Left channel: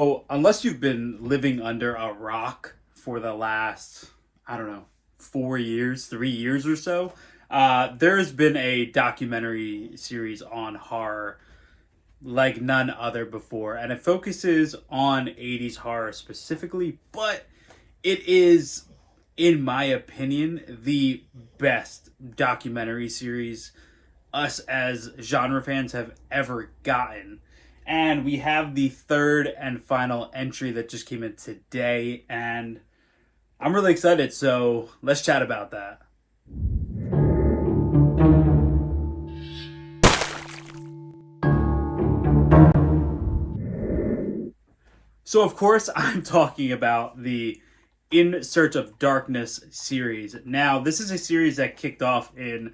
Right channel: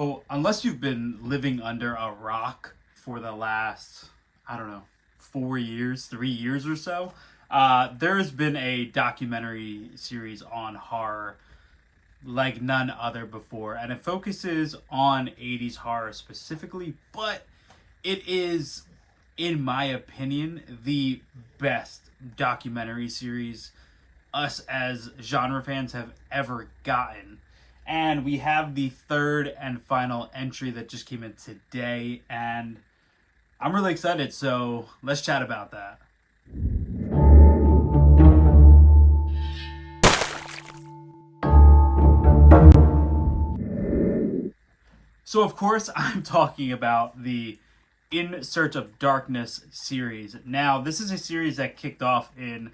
Oh, unless you've been living under a rock for the last, I don't know, 4 years, 3 years or so, there has been a documentary series on horror like none other before. And it focuses on 80s horror specifically, but it is, in my opinion, the best documentary series us as genre fans have ever gotten. And we have the third and final entry that just came in today, and I'm really excited. So let's chat about that. So, of course, I'm talking about the In Search of Darkness series. Now, this is a series that kicked off in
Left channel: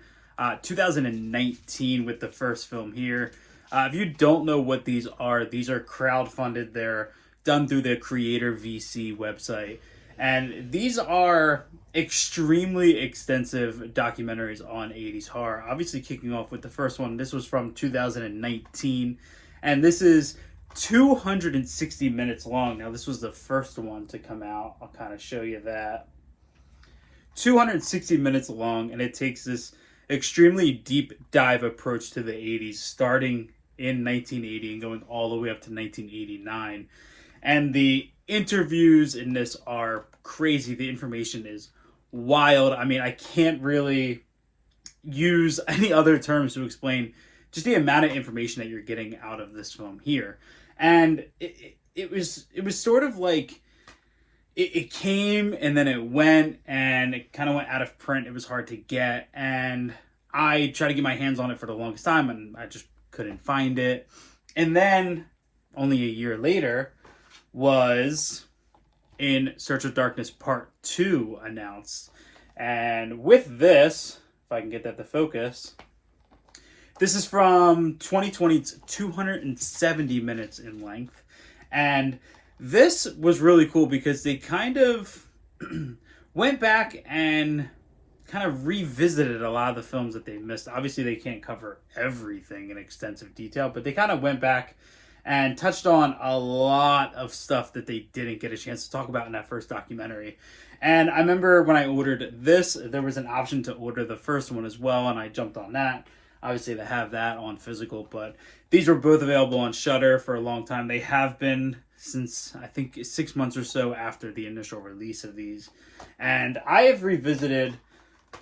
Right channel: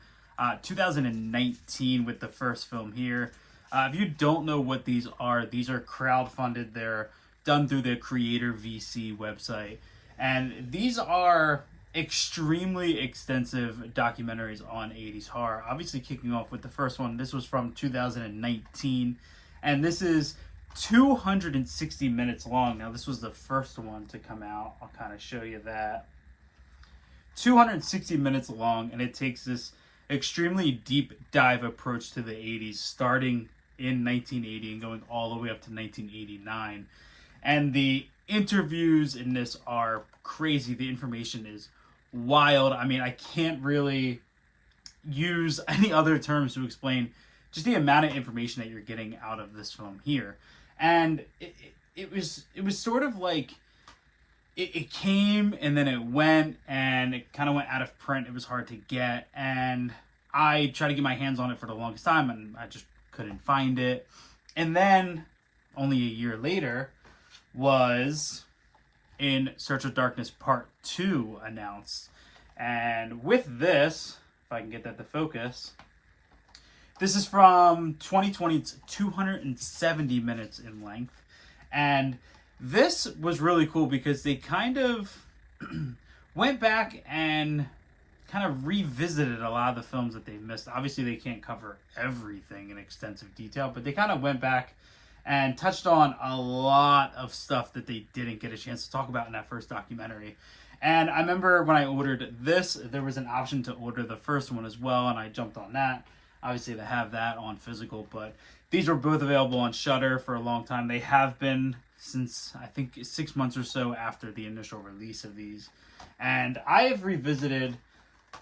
2019 with the first film here. If you don't know what these are crowdfunded. They're done through the Creator VC website. And these are extremely extensive documentaries on 80s horror. Obviously, kicking off with the first one. This was from 2019. And this is 260 minutes long. Now, this was the first one to come out. I'll kind of show you that. 260 minutes long, and it takes this extremely deep dive approach to the 80s, starting in 1980 and going all the way up to 1989. And the interviews in this are crazy. The information is wild. I mean, I can't really use any other terms to explain just the amount of information that you're getting out of this film here. And it was sort of like it came and then it went, and it kind of went out of print. It was hard to get, and I tried to get my hands on it for the longest time, and I just couldn't find it. And then only a year later was In Search of Darkness Part 2 announced. And with this, if I can get that to focus, this is from 2020. It's 270 minutes in length. And this was really cool because they kind of went back and kind of revisited a lot of the films that they missed. Obviously, they can't cover everything in extensive detail, but they kind of went back and touched on a lot of stuff that they didn't get a chance to talk about in that first documentary. And I remember when I ordered this, there was an option to order the first one as well, and I jumped on that. Obviously, they have that on physical, but these were both available on Shudder for a long time. They have been since, I think, 6 months or so after the initial release of these. And I have revisited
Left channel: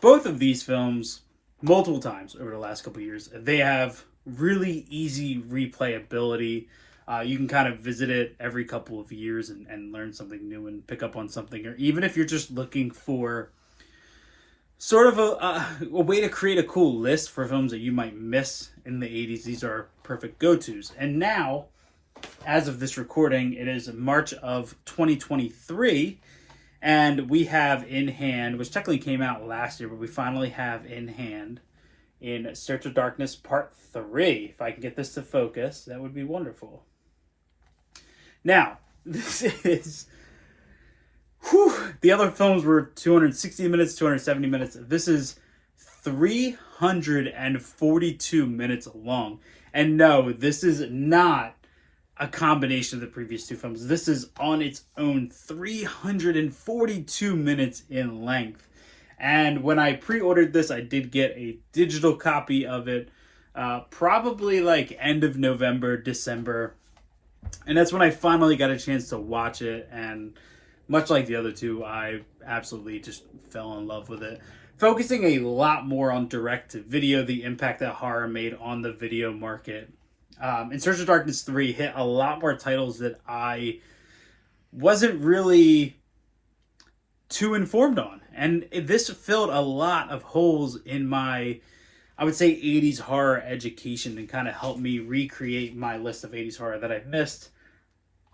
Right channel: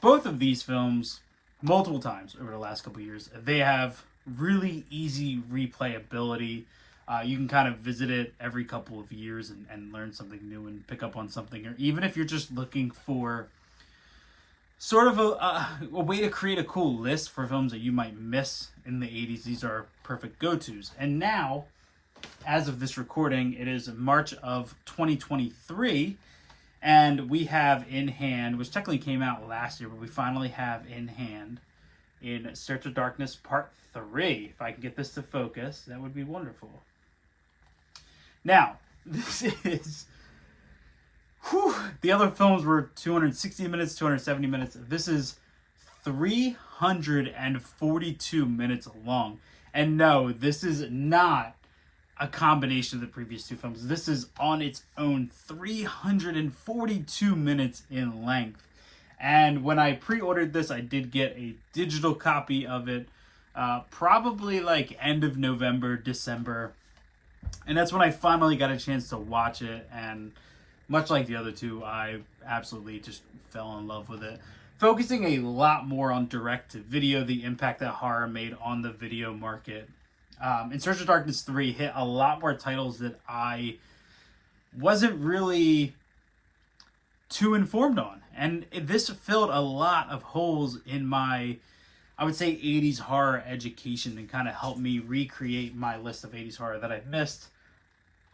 both of these films multiple times over the last couple of years. They have really easy replayability. You can kind of visit it every couple of years and learn something new and pick up on something. Or even if you're just looking for sort of a way to create a cool list for films that you might miss in the 80s, these are perfect go-tos. And now, as of this recording, it is March of 2023, and we have in hand, which technically came out last year, but we finally have in hand In Search of Darkness Part 3. If I can get this to focus, that would be wonderful. Now, this is... the other films were 260 minutes, 270 minutes. This is 342 minutes long. And no, this is not a combination of the previous two films. This is on its own 342 minutes in length. And when I pre-ordered this, I did get a digital copy of it, probably like end of November, December. And that's when I finally got a chance to watch it, and much like the other two, I absolutely just fell in love with it. Focusing a lot more on direct-to-video, the impact that horror made on the video market. In Search of Darkness 3 hit a lot more titles that I wasn't really too informed on. And this filled a lot of holes in my, I would say, 80s horror education, and kind of helped me recreate my list of 80s horror that I've missed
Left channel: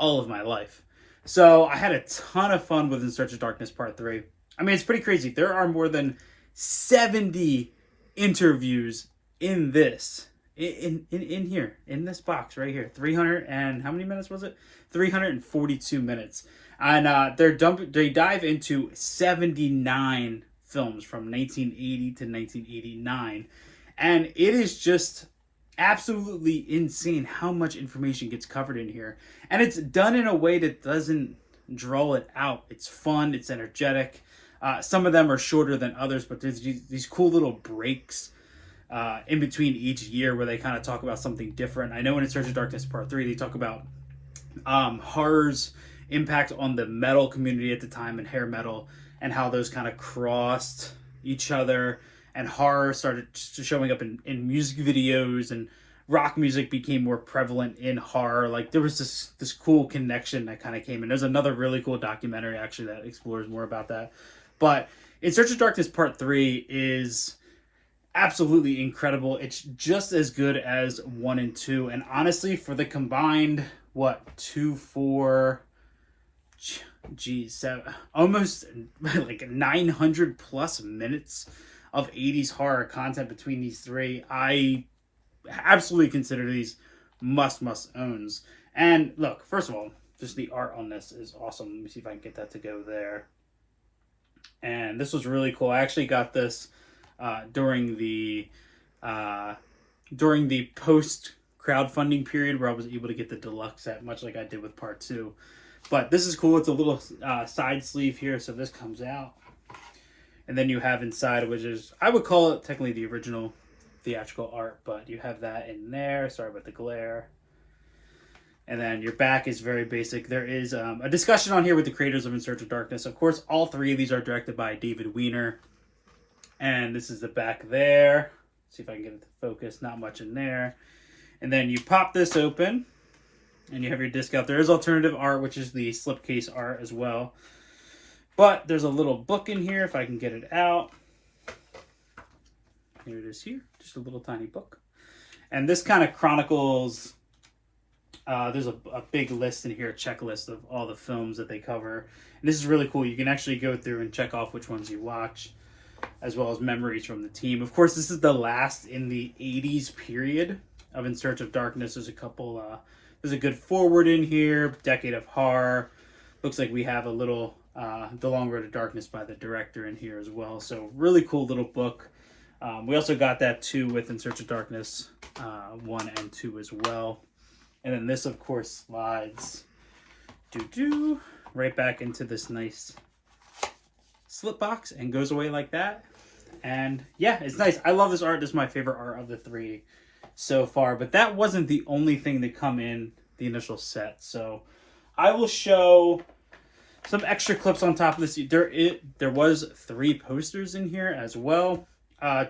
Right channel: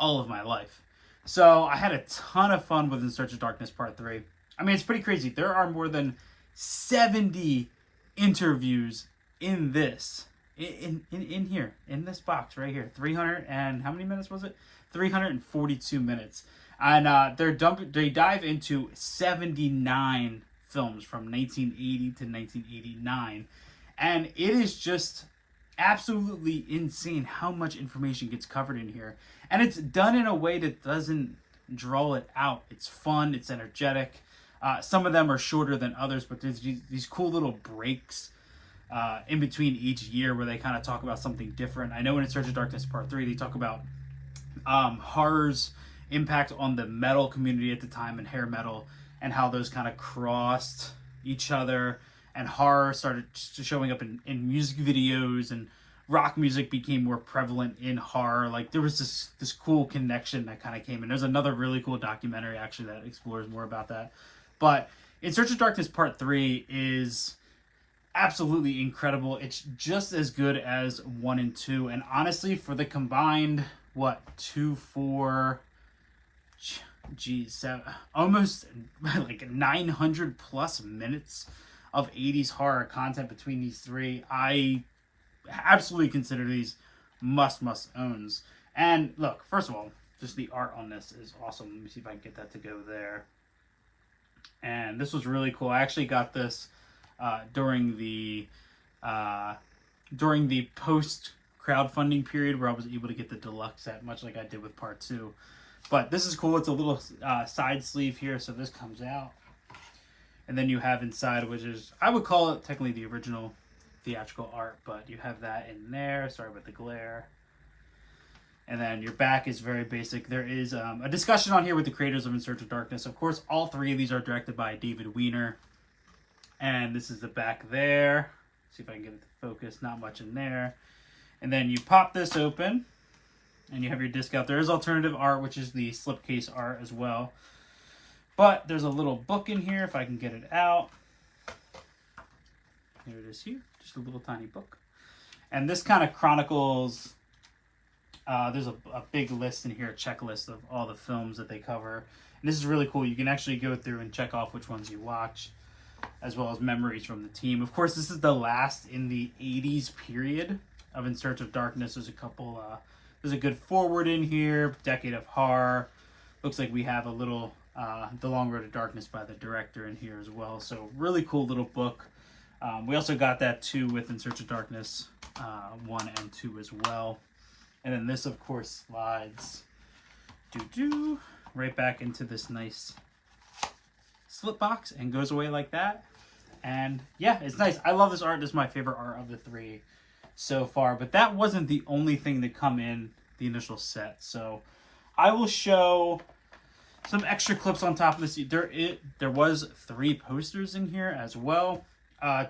all of my life. So I had a ton of fun with In Search of Darkness Part 3. I mean, it's pretty crazy. There are more than 70 interviews in this. In here. In this box right here. 300 and... how many minutes was it? 342 minutes. And they dive into 79 films from 1980 to 1989. And it is just absolutely insane how much information gets covered in here. And it's done in a way that doesn't draw it out. It's fun, it's energetic. Some of them are shorter than others, but there's these cool little breaks in between each year where they kind of talk about something different. I know in In Search of Darkness Part 3, they talk about horror's impact on the metal community at the time and hair metal, and how those kind of crossed each other, and horror started showing up in music videos, and rock music became more prevalent in horror. Like there was this cool connection that kind of came in. There's another really cool documentary actually that explores more about that. But In Search of Darkness Part 3 is absolutely incredible. It's just as good as 1 and 2. And honestly, for the combined, 2, 4, almost like 900 plus minutes of 80s horror content between these three, I absolutely consider these must owns. And look, first of all, just the art on this is awesome. Let me see if I can get that to go there. And this was really cool. I actually got this during the post crowdfunding period where I was able to get the deluxe set, much like I did with Part 2. But this is cool. It's a little side sleeve here, so this comes out. And then you have inside, which is, I would call it technically the original theatrical art, but you have that in there. Sorry about the glare. And then your back is very basic. There is a discussion on here with the creators of In Search of Darkness. Of course, all three of these are directed by David Weiner. And this is the back there. See if I can get it to focus. Not much in there. And then you pop this open, and you have your disc out. There is alternative art, which is the slipcase art as well. But there's a little book in here, if I can get it out. Here it is here. Just a little tiny book. And this kind of chronicles... there's a big list in here, a checklist of all the films that they cover. And this is really cool. You can actually go through and check off which ones you watch, as well as memories from the team. Of course, this is the last in the 80s period of In Search of Darkness. There's a couple... there's a good forward in here, Decade of Horror. Looks like we have a little The Long Road to Darkness by the director in here as well. So really cool little book. We also got that too with In Search of Darkness 1 and 2 as well. And then this, of course, slides right back into this nice slip box and goes away like that. And yeah, it's nice. I love this art. This is my favorite art of the three so far. But that wasn't the only thing that come in the initial set. So I will show some extra clips on top of this. There was 3 posters in here as well.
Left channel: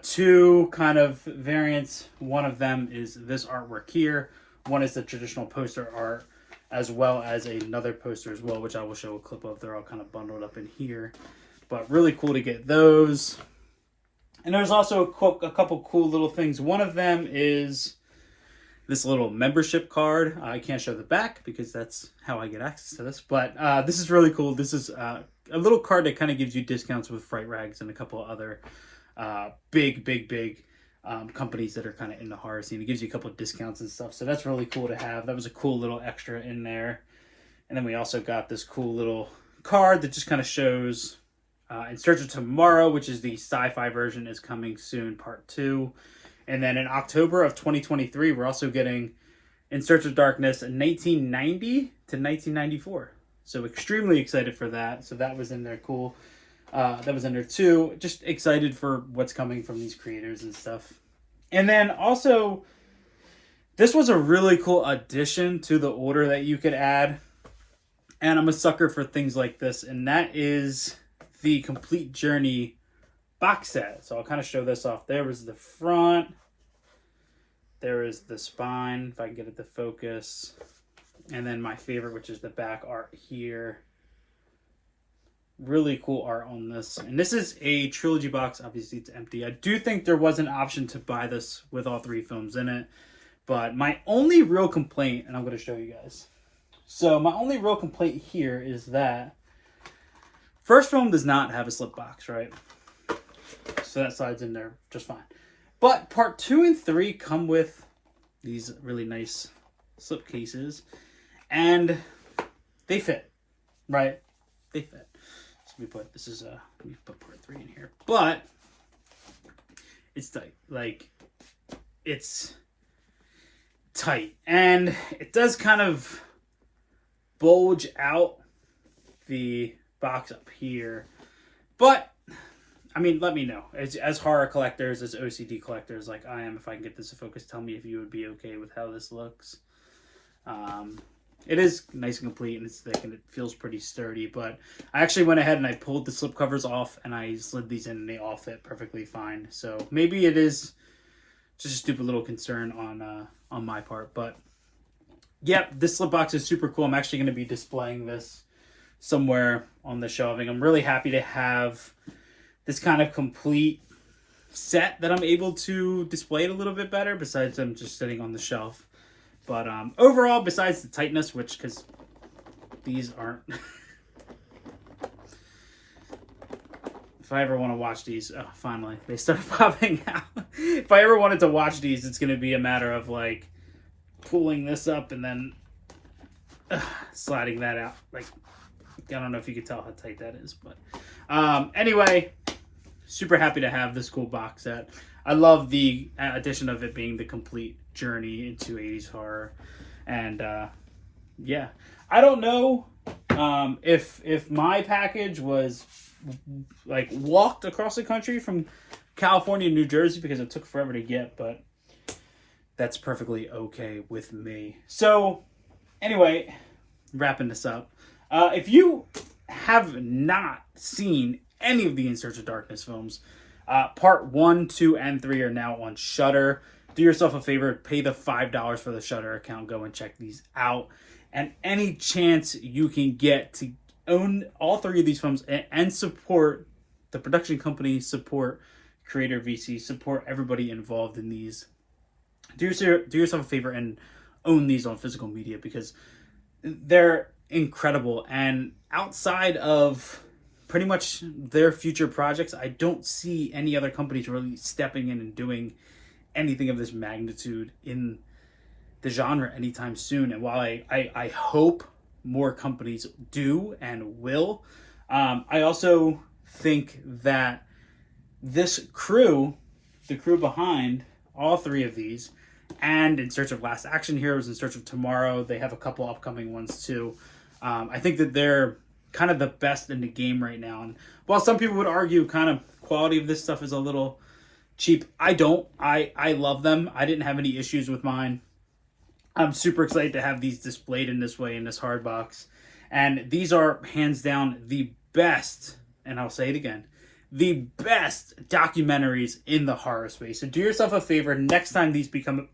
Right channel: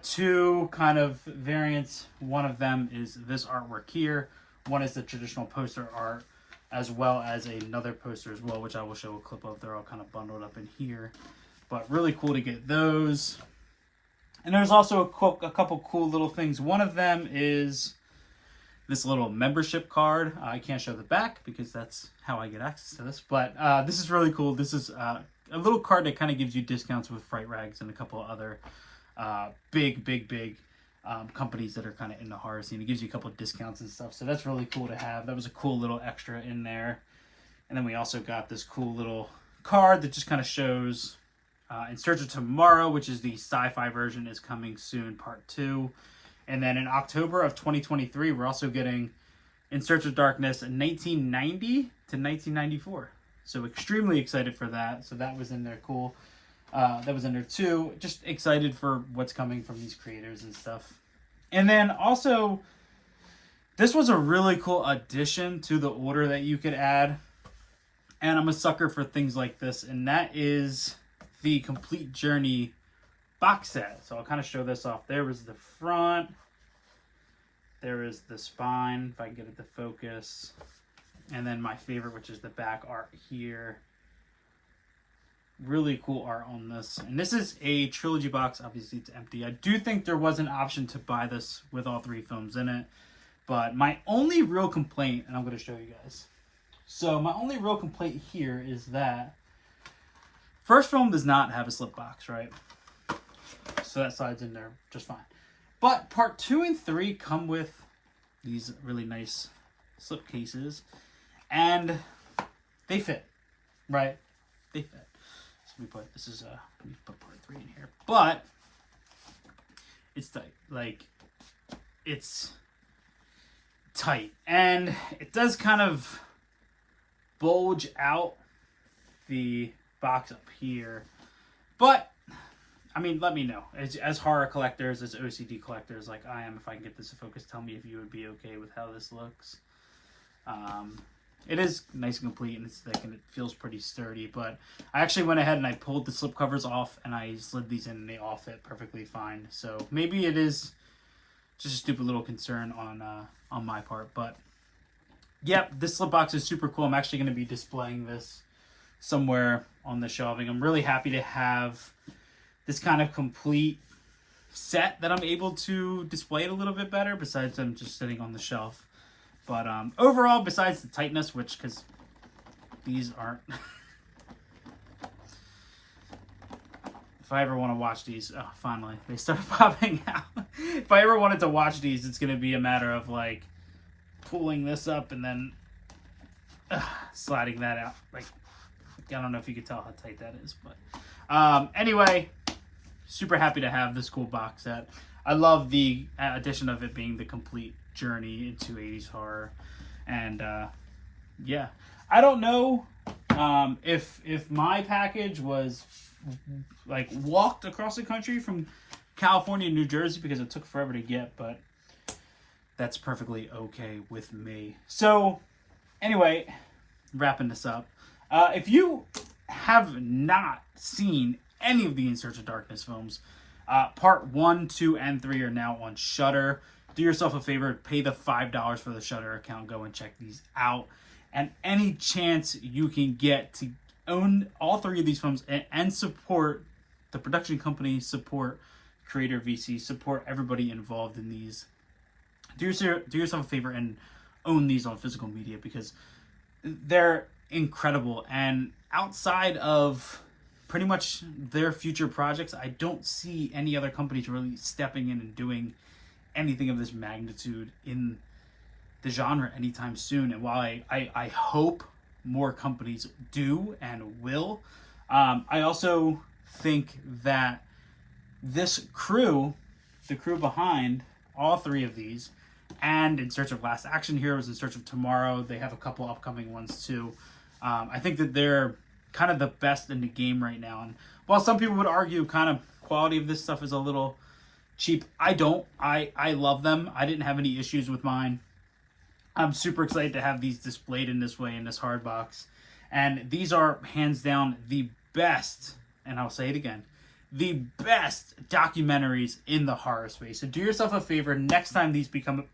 2 kind of variants. One of them is this artwork here. One is the traditional poster art, as well as another poster as well, which I will show a clip of. They're all kind of bundled up in here. But really cool to get those. And there's also a couple cool little things. One of them is this little membership card. I can't show the back because that's how I get access to this. But this is really cool. This is a little card that kind of gives you discounts with Fright Rags and a couple of other big companies that are kind of in the horror scene. It gives you a couple of discounts and stuff. So that's really cool to have. That was a cool little extra in there. And then we also got this cool little card that just kind of shows In Search of Tomorrow, which is the sci-fi version, is coming soon, Part 2. And then in October of 2023, we're also getting In Search of Darkness 1990 to 1994. So extremely excited for that. So that was in there, cool. That was in there too. Just excited for what's coming from these creators and stuff. And then also, this was a really cool addition to the order that you could add. And I'm a sucker for things like this. And that is the Complete Journey box set. So I'll kind of show this off. There was the front. There is the spine, if I can get it to focus. And then my favorite, which is the back art here. Really cool art on this. And this is a trilogy box. Obviously, it's empty. I do think there was an option to buy this with all 3 films in it. But my only real complaint, and I'm going to show you guys. So my only real complaint here is that first film does not have a slip box, right? So that slides in there just fine. But Part 2 and 3 come with these really nice slip cases. And they fit, right? They fit. So let me put Part 3 in here. But it's tight. Like, it's tight. And it does kind of bulge out the box up here. But I mean, let me know. As horror collectors, as OCD collectors like I am, if I can get this to focus, tell me if you would be okay with how this looks. It is nice and complete, and it's thick, and it feels pretty sturdy, but I actually went ahead and I pulled the slip covers off, and I slid these in, and they all fit perfectly fine. So maybe it is just a stupid little concern on my part, but yep, this slip box is super cool. I'm actually going to be displaying this somewhere on the shelving. I'm really happy to have this kind of complete set that I'm able to display it a little bit better, besides them just sitting on the shelf. But overall, besides the tightness, which, because these aren't... If I ever want to watch these, oh, finally, they started popping out. If I ever wanted to watch these, it's going to be a matter of, like, pulling this up and then sliding that out. Like, I don't know if you could tell how tight that is, but anyway, super happy to have this cool box set. I love the addition of it being the complete journey into 80s horror. And yeah, I don't know if my package was like walked across the country from California to New Jersey, because it took forever to get, but that's perfectly okay with me. So anyway, wrapping this up, if you have not seen any of the In Search of Darkness films, part 1, 2, and 3 are now on Shudder. Do yourself a favor, pay the $5 for the Shudder account, go and check these out. And any chance you can get to own all 3 of these films and support the production company, support Creator VC, support everybody involved in these, do yourself a favor and own these on physical media, because they're incredible. And outside of pretty much their future projects, I don't see any other companies really stepping in and doing anything of this magnitude in the genre anytime soon. And while I hope more companies do and will, I also think that this crew, the crew behind all 3 of these, and In Search of Last Action Heroes, In Search of Tomorrow, they have a couple upcoming ones too. I think that they're kind of the best in the game right now. And while some people would argue kind of quality of this stuff is a little cheap, I don't. I love them. I didn't have any issues with mine. I'm super excited to have these displayed in this way, in this hard box. And these are hands down the best, and I'll say it again, the best documentaries in the horror space. So do yourself a favor, next time these become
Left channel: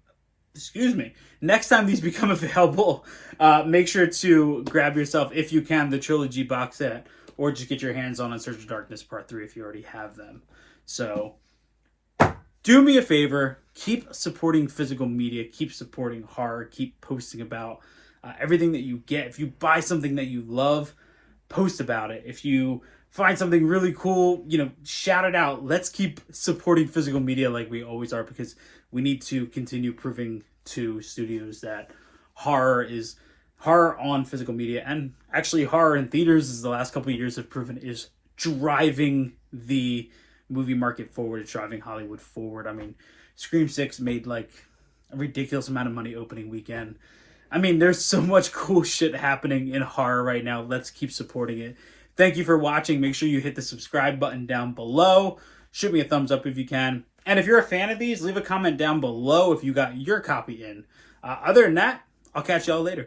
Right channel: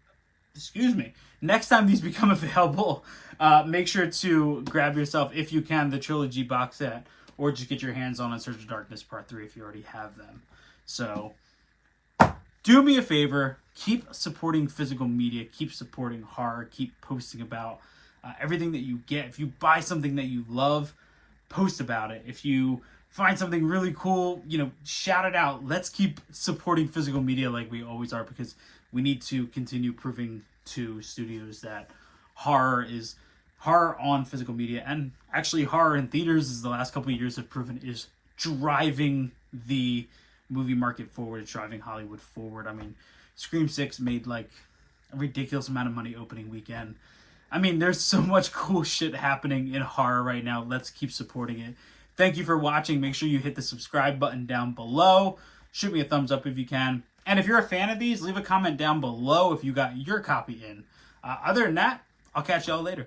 available, make sure to grab yourself, if you can, the trilogy box set, or just get your hands on In Search of Darkness Part 3 if you already have them. So do me a favor, keep supporting physical media, keep supporting horror, keep posting about everything that you get. If you buy something that you love, post about it. If you find something really cool, shout it out. Let's keep supporting physical media like we always are, because we need to continue proving to studios that horror on physical media, and actually horror in theaters, as the last couple of years have proven, is driving the movie market forward. It's driving Hollywood forward. I mean, Scream 6 made like a ridiculous amount of money opening weekend. I mean, there's so much cool shit happening in horror right now. Let's keep supporting it. Thank you for watching. Make sure you hit the subscribe button down below. Shoot me a thumbs up if you can. And if you're a fan of these, leave a comment down below if you got your copy in. Other than that, I'll catch y'all later.